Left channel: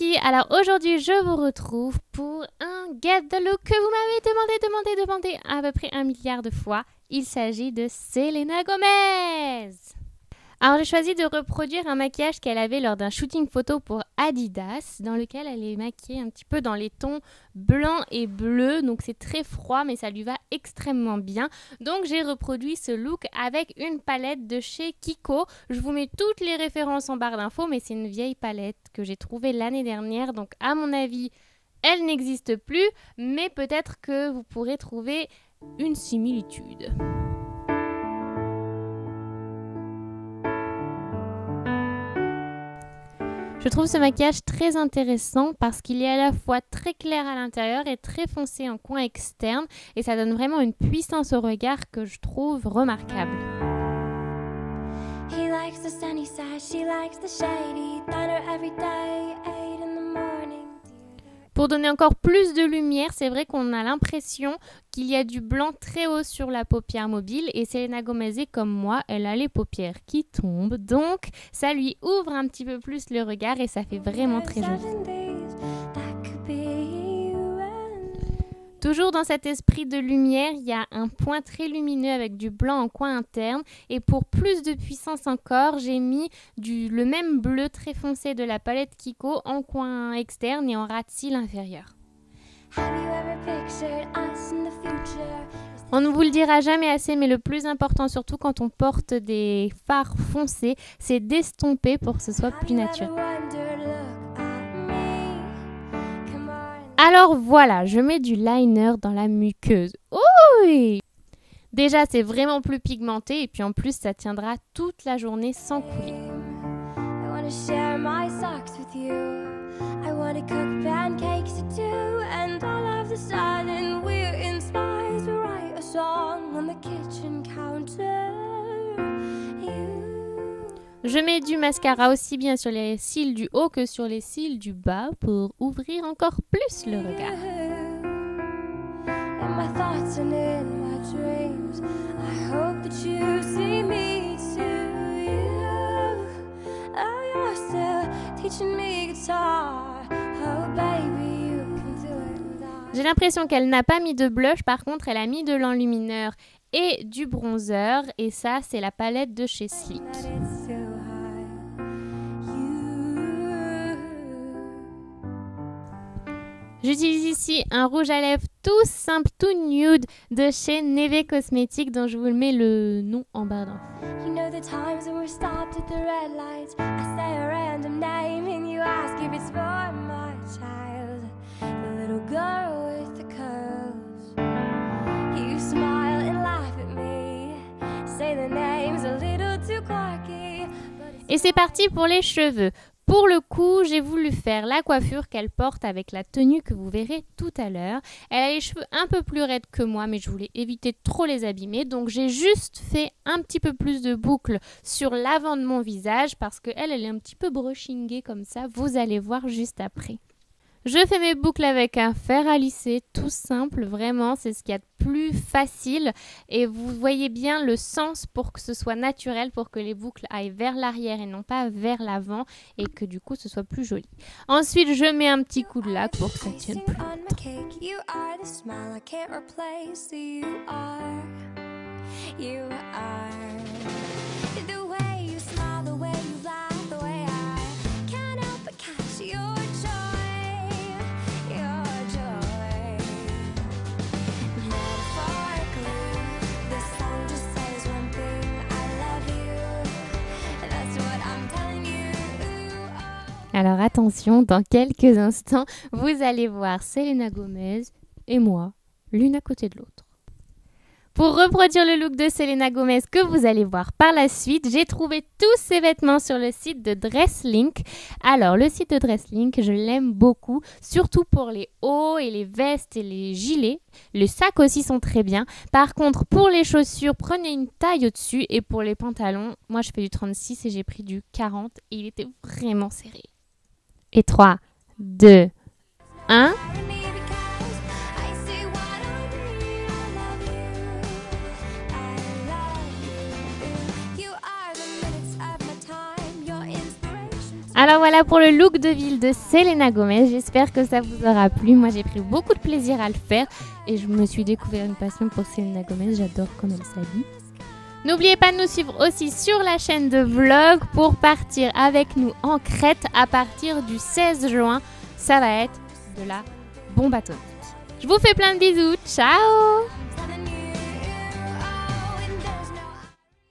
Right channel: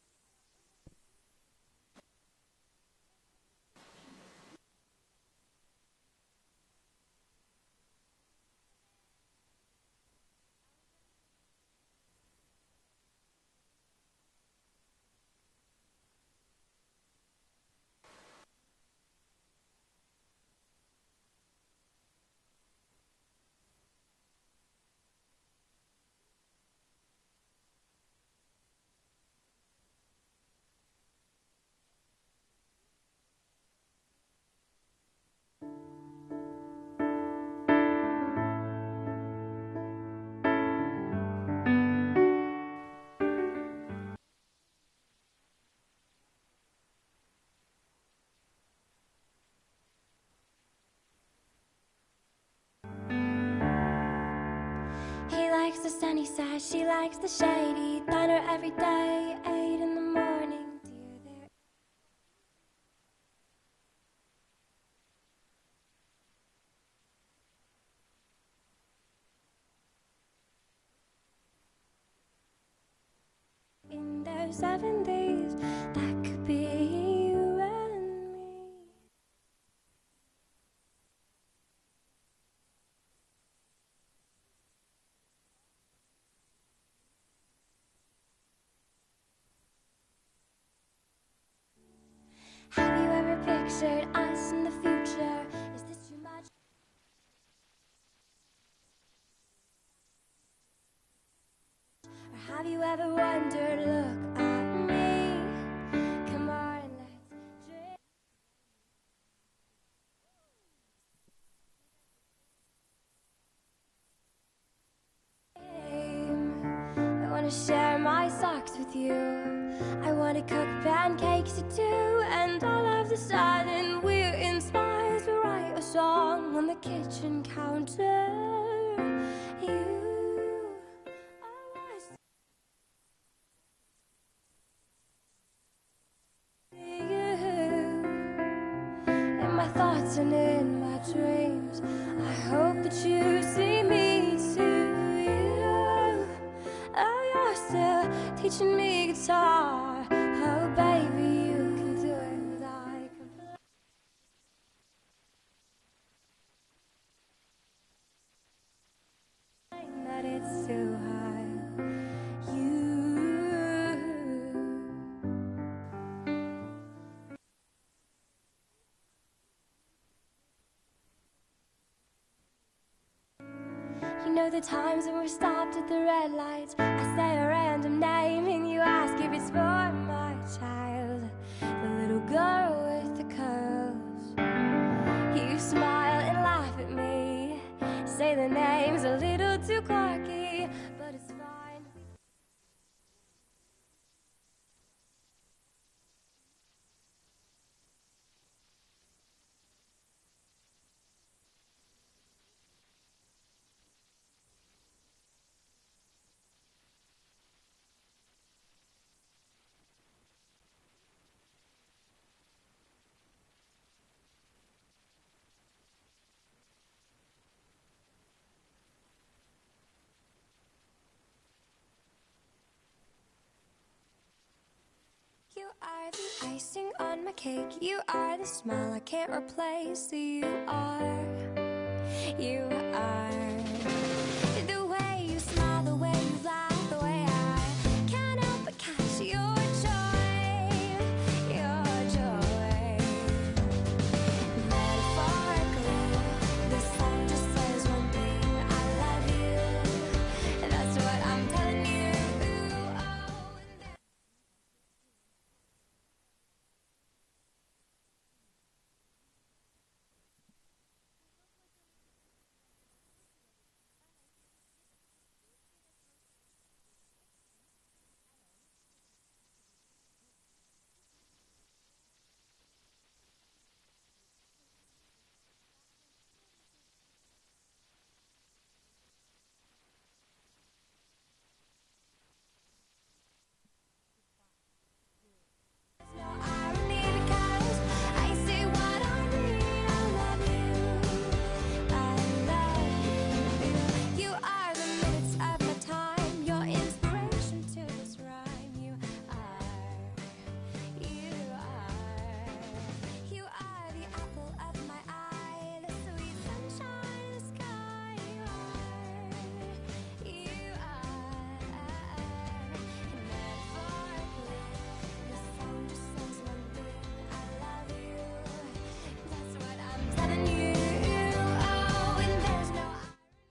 filles, alors aujourd'hui je vous retrouve pour un Get the Look que vous m'avez demandé à peu près 1 milliard de fois. Il s'agit de Selena Gomez. Alors j'ai choisi de reproduire un maquillage qu'elle avait lors d'un shooting photo pour Adidas, dans lequel elle est maquillée un petit peu dans les tons blanc et bleu, donc c'est très froid mais ça lui va extrêmement bien. Donc j'ai reproduit ce look avec une palette de chez Kiko. Je vous mets toutes les références en barre d'infos, mais c'est une vieille palette que j'ai trouvée l'année dernière, donc à mon avis elle n'existe plus, mais peut-être que vous pourrez trouver une similitude. Je trouve ce maquillage très intéressant parce qu'il est à la fois très clair à l'intérieur et très foncé en coin externe et ça donne vraiment une puissance au regard que je trouve remarquable. He likes the sunny side, she likes the shady, thunder every day, 8 in the morning. Pour donner encore plus de lumière, c'est vrai qu'on a l'impression qu'il y a du blanc très haut sur la paupière mobile et Selena Gomez, comme moi, elle a les paupières qui tombent, donc ça lui ouvre un petit peu plus le regard et ça fait vraiment très joli. Toujours dans cet esprit de lumière, il y a un point très lumineux avec du blanc en coin interne et pour plus de puissance encore, j'ai mis le même bleu très foncé de la palette Kiko en coin externe et en ras de cils inférieur. On ne vous le dira jamais assez, mais le plus important, surtout quand on porte des fards foncés, c'est d'estomper pour que ce soit plus naturel. Alors voilà, je mets du liner dans la muqueuse. Oui! Déjà, c'est vraiment plus pigmenté et puis en plus, ça tiendra toute la journée sans couler. Je mets du mascara aussi bien sur les cils du haut que sur les cils du bas pour ouvrir encore plus le regard. J'ai l'impression qu'elle n'a pas mis de blush, par contre elle a mis de l'enlumineur et du bronzer et ça c'est la palette de chez Sleek. J'utilise ici un rouge à lèvres tout simple, tout nude de chez Neve Cosmetics dont je vous mets le nom en barre d'infos. You know the times when we stopped at the red lights, I say a random name and you ask if it's for my child, the little girl with the curls. You smile and laugh at me, say the name's a little too quirky. Et c'est parti pour les cheveux. Pour le coup, j'ai voulu faire la coiffure qu'elle porte avec la tenue que vous verrez tout à l'heure. Elle a les cheveux un peu plus raides que moi, mais je voulais éviter de trop les abîmer. Donc j'ai juste fait un petit peu plus de boucles sur l'avant de mon visage parce qu'elle est un petit peu brushingée comme ça. Vous allez voir juste après. Je fais mes boucles avec un fer à lisser, tout simple, vraiment, c'est ce qu'il y a de plus facile. Et vous voyez bien le sens pour que ce soit naturel, pour que les boucles aillent vers l'arrière et non pas vers l'avant, et que du coup ce soit plus joli. Ensuite, je mets un petit coup de lac pour que ça tienne plus. Alors attention, dans quelques instants, vous allez voir Selena Gomez et moi, l'une à côté de l'autre. Pour reproduire le look de Selena Gomez que vous allez voir par la suite, j'ai trouvé tous ces vêtements sur le site de Dresslink. Alors le site de Dresslink, je l'aime beaucoup, surtout pour les hauts et les vestes et les gilets. Les sacs aussi sont très bien. Par contre, pour les chaussures, prenez une taille au-dessus et pour les pantalons, moi je fais du 36 et j'ai pris du 40 et il était vraiment serré. Et 3, 2, 1... Alors voilà pour le look de ville de Selena Gomez. J'espère que ça vous aura plu. Moi, j'ai pris beaucoup de plaisir à le faire et je me suis découvert une passion pour Selena Gomez. J'adore comment elle s'habille. N'oubliez pas de nous suivre aussi sur la chaîne de vlog pour partir avec nous en Crète à partir du 16 juin. Ça va être de la bombe atomique. Je vous fais plein de bisous. Ciao!